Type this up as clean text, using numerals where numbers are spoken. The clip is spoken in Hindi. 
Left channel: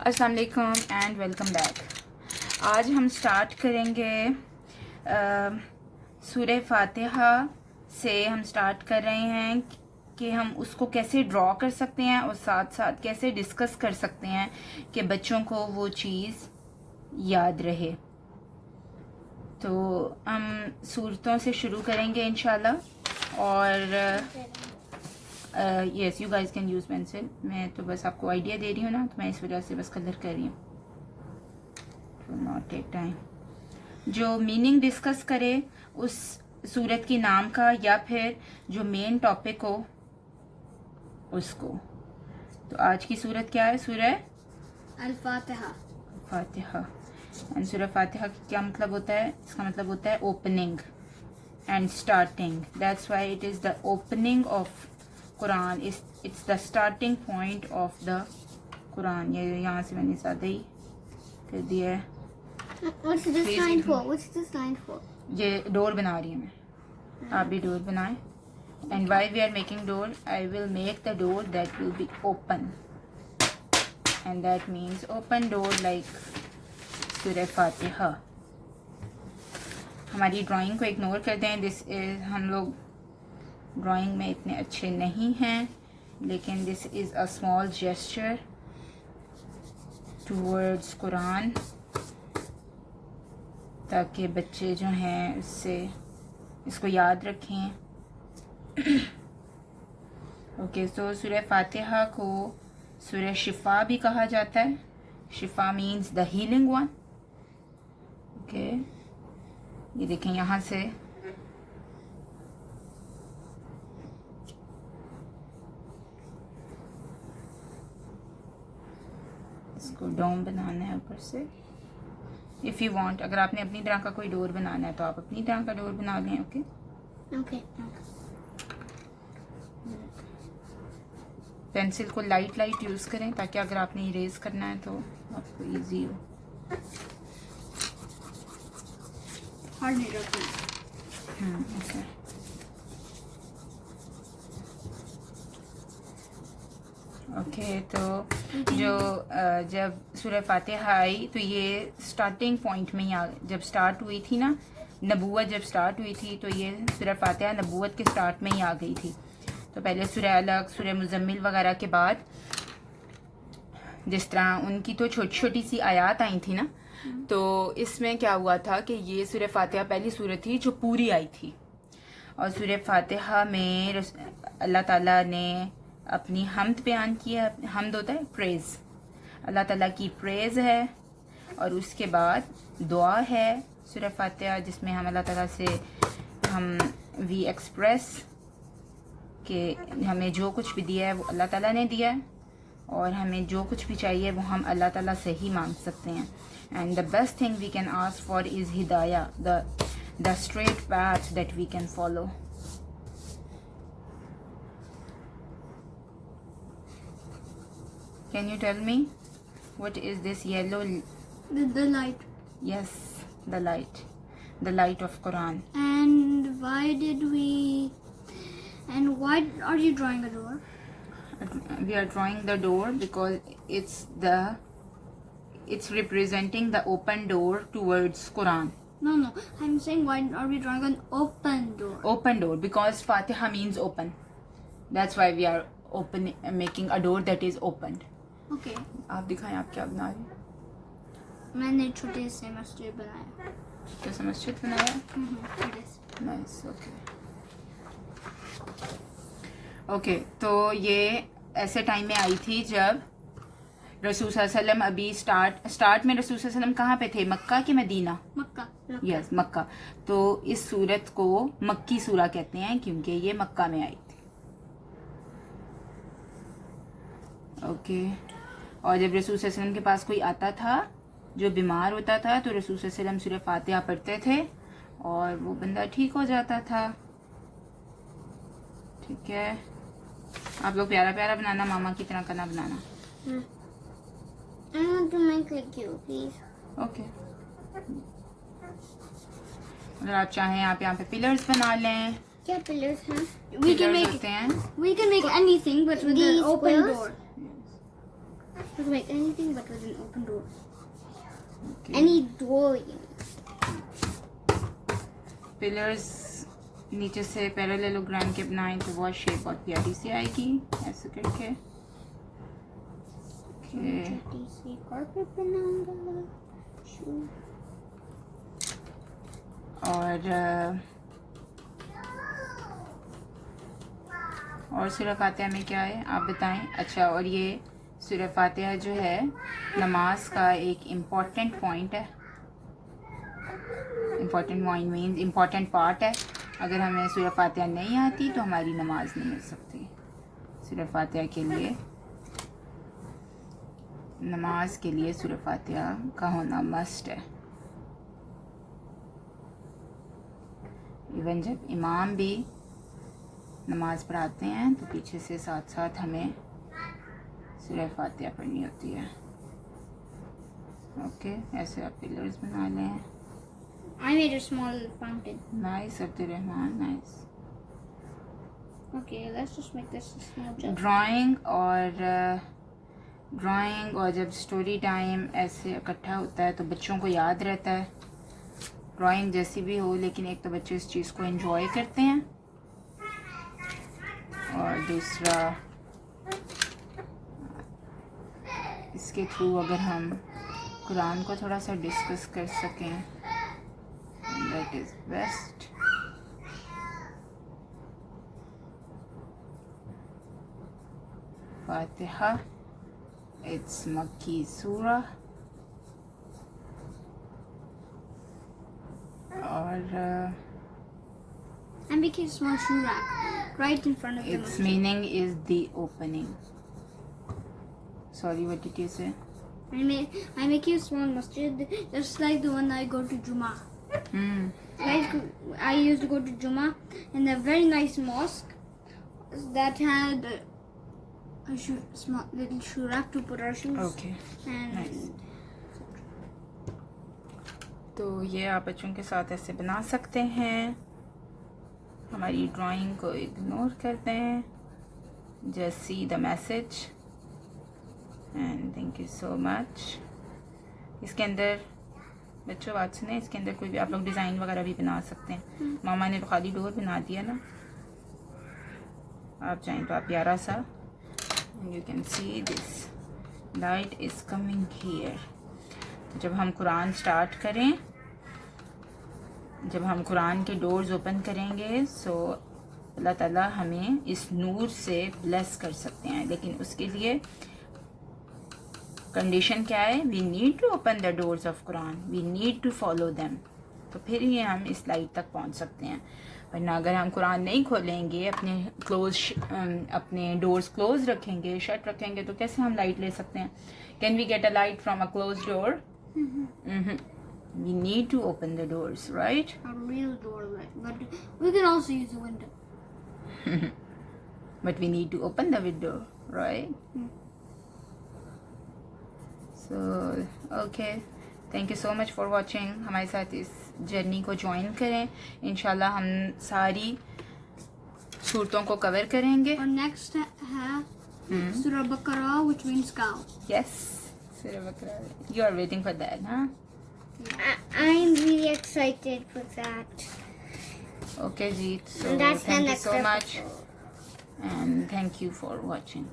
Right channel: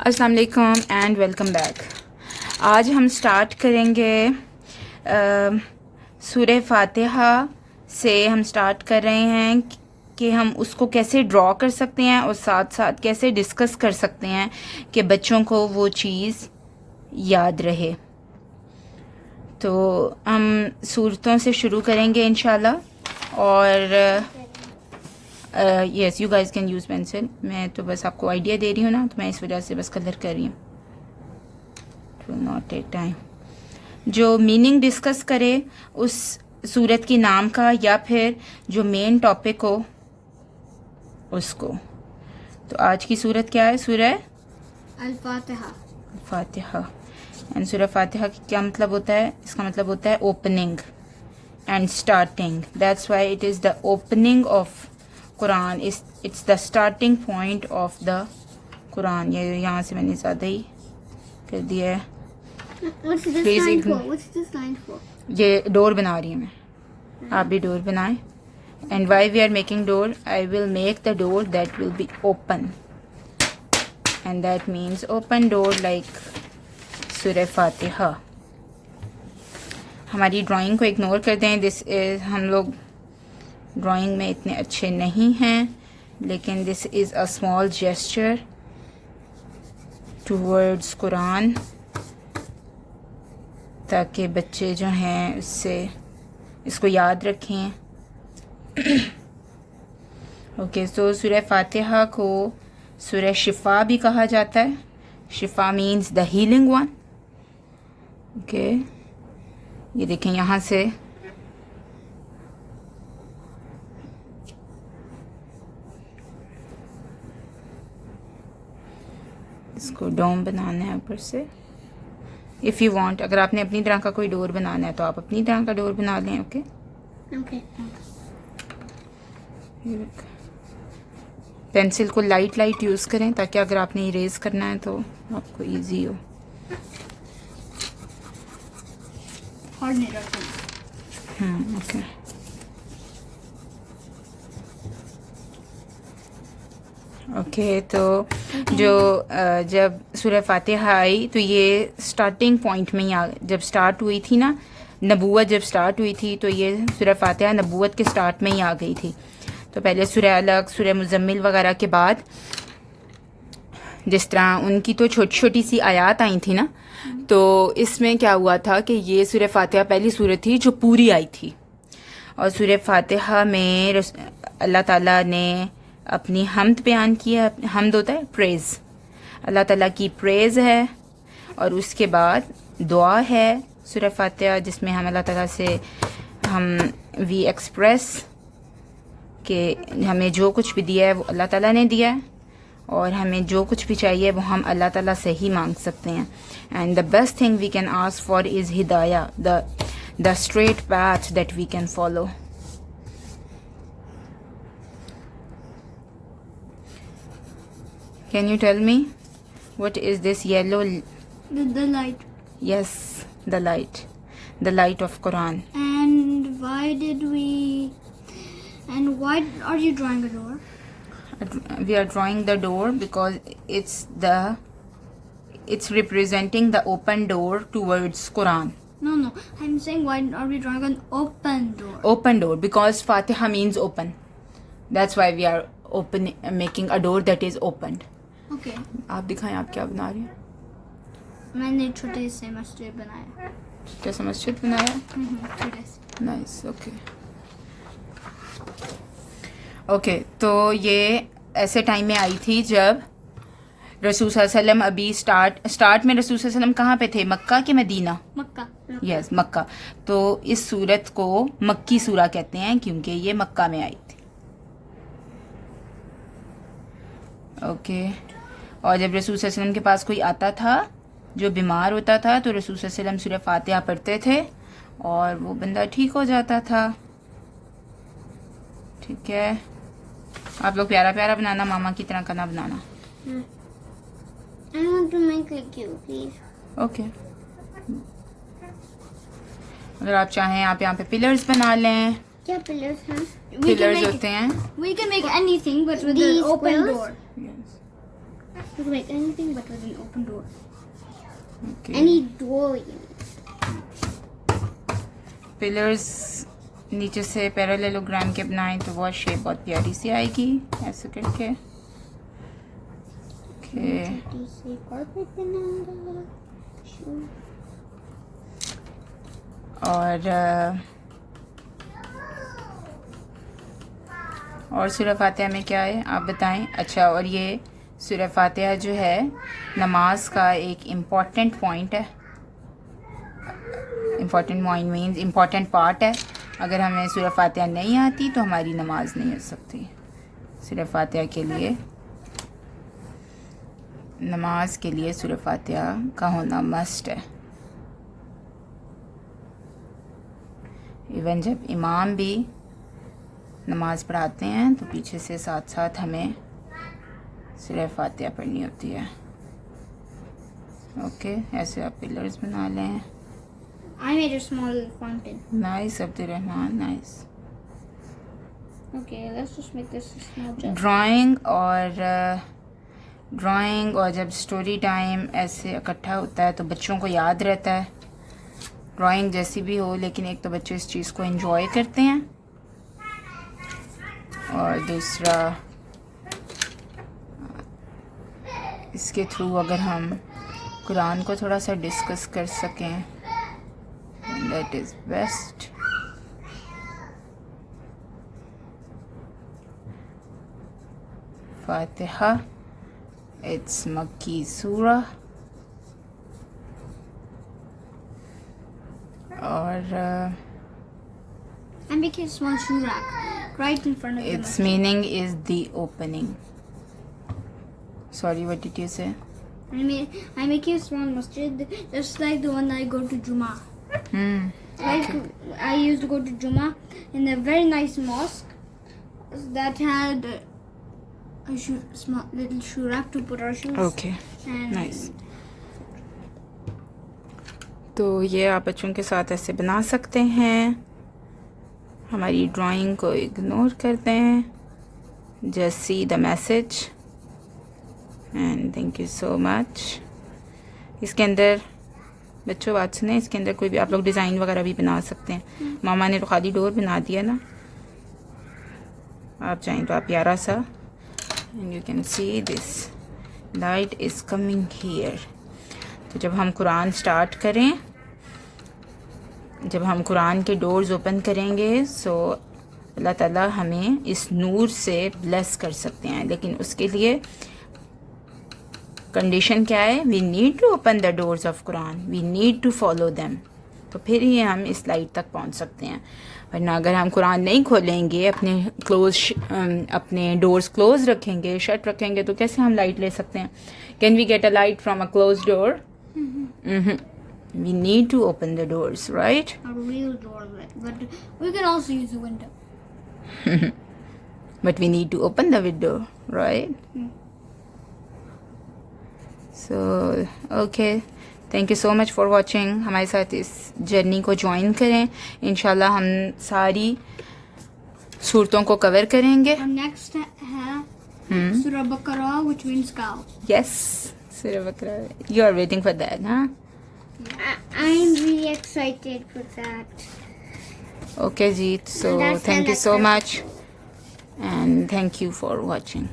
अस्सलाम वालेकुम एंड वेलकम बैक। आज हम स्टार्ट करेंगे सूरह फातिहा से। हम स्टार्ट कर रहे हैं कि हम उसको कैसे ड्रॉ कर सकते हैं और साथ साथ कैसे डिस्कस कर सकते हैं कि बच्चों को वो चीज़ याद रहे। तो हम सूरतों से शुरू करेंगे इंशाल्लाह। और yes, you guys can use pencil. मैं तो बस आपको आइडिया दे रही हूँ ना, तो मैं इस वजह से बस कलर कर रही हूँ। To not take time. जो मीनिंग डिस्कस करे उस सूरत की नाम का या फिर जो मेन टॉपिक हो उसको। तो आज की सूरत क्या है? सूरह अल-फातिहा। फातिहा। एंड सूरह फातिहा की क्या मतलब होता है? इसका मतलब होता है opening and starting. That's why it is the opening of Quran. It's the starting point of the Quran. ये यहाँ से मैंने ज़्यादा ही कर दिया है। What's this Please sign ignore. for? What's this sign for? ये डोर बना रही हूँ मैं, आप भी डोर बनाएं। And why we are making door, I will make the door that will be open, and that means open door like सूरह फातिहा। हमारी ड्राइंग को इग्नोर कर दें। दिस इज़, हम लोग ड्राइंग में इतने अच्छे नहीं हैं, लेकिन this is a small gesture towards Quran, ताकि बच्चे जो हैं उससे इसको याद रखें। ओके, तो सूरह फातिहा को सूरह शिफा भी कहा जाता है। शिफा means the healing one. Okay, ये देखें यहाँ से इसको डोम बनाना है ऊपर से। इफ़ यू वांट, अगर आपने अपनी तरह का कोई डोर बनाना है तो आप अपनी तरह का डोर बना लें। Okay Okay. पेंसिल को लाइट लाइट यूज़ करें, ताकि अगर आपने इरेज करना है तो आपको इजी हो। Hard नहीं रखना। ओके। ओके, तो जो जब सूरह फातिहा आई तो ये स्टार्टिंग पॉइंट में ही जब स्टार्ट हुई थी ना, नबूवत जब स्टार्ट हुई थी, तो ये सूरह फातिहा नबूवत के स्टार्ट में ही आ गई थी। तो पहले सूरह अलग, सूरह मुज़म्मिल वगैरह के बाद जिस तरह उनकी तो छोटी छोटी सी आयात आई थी ना, तो इसमें क्या हुआ था कि ये सूरह फातिहा पहली सूरत थी जो पूरी आई थी। और सूरह फातिहा में अल्लाह ताला ने अपनी हम्द बयान किया। हम्द होता है प्रेज़, अल्लाह ताला की प्रेज़ है। और उसके बाद दुआ है सूरह फातिहा, जिसमें हम अल्लाह ताला से वी एक्सप्रेस कि हमें जो कुछ भी दिया है वो अल्लाह ताला ने दिया है, और हमें जो कुछ भी चाहिए वो हम अल्लाह ताला से ही मांग सकते हैं। And the best thing we can ask for is हिदाया, the straight path that we can follow. Can you tell me what is this yellow? The light. Yes, the light of Quran. And why did we? And why are you drawing a door? We are drawing the door because it's representing the open door towards Quran. No. I'm saying why are we drawing an open door? Open door because Fatiha means open. That's why we are making a door that is opened. Okay. आप दिखाएं आप क्या बना रही हैं? मैंने छोटे से मस्जिद बनाया। जैसे मस्जिद बनाया। छोटे से। नाइस। ओके, तो ये ऐसे टाइम में आई थी जब रसूल सल्लल्लाहु अलैहि वसल्लम अभी स्टार्ट में रसूल सल्लल्लाहु अलैहि वसल्लम कहाँ पे थे? मक्का के मदीना? मक्का। यस, मक्का। तो इस सूरत को मक्की सूरा कहते हैं क्योंकि ये मक्का में आई थी। ओके, और जब रसूल सल्लल्लाहु अलैहि वसल्लम के पास कोई आता था जो बीमार होता था, तो रसूल सल्लल्लाहु अलैहि वसल्लम सूरह फातिहा पढ़ते थे और वो बंदा ठीक हो जाता था। ठीक है, आप लोग प्यारा प्यारा बनाना, मामा की तरह का ना बनाना। I want to make like you, please. Okay, अगर आप चाहें आप यहाँ पे पिलर्स बना लें। क्या पिलर्स हैं? पिलर्स होते हैं। We can make anything, but with an open door. You can make anything but with an open door. Okay. Any door you need. Pillars नीचे से पैरेललोग्राम के बनाएं तो बहुत शेप बहुत प्यारी सी आएगी ऐसे करके. ओके. छोटी सी carpet बनाऊंगा. Sure. और सूरह फातिहा में क्या है आप बताएं. अच्छा, और ये सूरह फातिहा जो है नमाज का एक इम्पॉर्टेंट पॉइंट है. Important point means important part है. अगर हमें सूरह फातिहा नहीं आती तो हमारी नमाज नहीं हो सकती. सूरह फातिहा के लिए, नमाज के लिए सूरह फातिहा का होना मस्ट है. इवन जब इमाम भी नमाज पढ़ाते हैं तो पीछे से साथ साथ हमें सूरह फातिहा पढ़नी होती है. ओके, ऐसे आप पिलर्स बना लें. I made a small fountain. Nice Abdurrahman, nice. Okay, let's just make this a small jet. Drawing और जब स्टोरी टाइम ऐसे इकट्ठा होता है तो बच्चों को याद रहता है. ड्राइंग जैसी भी हो, लेकिन एक तो बच्चे इस चीज़ को एंजॉय करते हैं और दूसरा इसके थ्रू अगर हम कुरान को थोड़ा सा डिस्कस कर सकें, that is best. Fatiha, it's मक्की सूरह. और I'm making a small shoe rack right in front of the its masjid. meaning is the opening. Sorry, what did you say? I'm making a small masjid just like the one I go to Juma. Like I used to go to Juma in a very nice mosque that had a small little shoe rack to put our shoes. Okay, And nice. तो ये आप बच्चों के साथ ऐसे बना सकते हैं. हमारी ड्राइंग को इग्नोर करते हैं. Just see the message and thank you so much. इसके अंदर बच्चों बात सुने, इसके अंदर कोई भी आप लोग डिज़ाइन वगैरह भी बना सकते हैं. मामा ने तो खाली डोर बना दिया ना, आप चाहें तो आप प्यारा सा. And you can see this light is coming here. तो जब हम कुरान स्टार्ट करें, जब हम कुरान के डोर्स ओपन करेंगे सो अल्लाह ताला हमें इस नूर से ब्लेस कर सकते हैं. लेकिन उसके लिए कंडीशन क्या है? We need to open the doors of कुरान, we need to follow them. तो फिर ही हम इस लाइट तक पहुंच सकते हैं. वरना अगर हम कुरान नहीं खोलेंगे, अपने डोर्स क्लोज रखेंगे, शट रखेंगे, तो कैसे हम लाइट ले सकते हैं? Can we get a light from a close door? We need to open the doors, right? a real door, but we can also use the window. But we need to open the window, right? So, okay. Thank you so much for watching. हमारे साथ इस जर्नी को ज्वाइन करें. इंशाल्लाह हम सारी सूरतों को कवर करेंगे. Our next है Surah Baqarah, which means cow. Yes, Surah Baqarah. You are waiting for that, huh? I'm really excited for that. Okay, Jeet. So, And that's the thank you next so episode. much. And thank you for watching.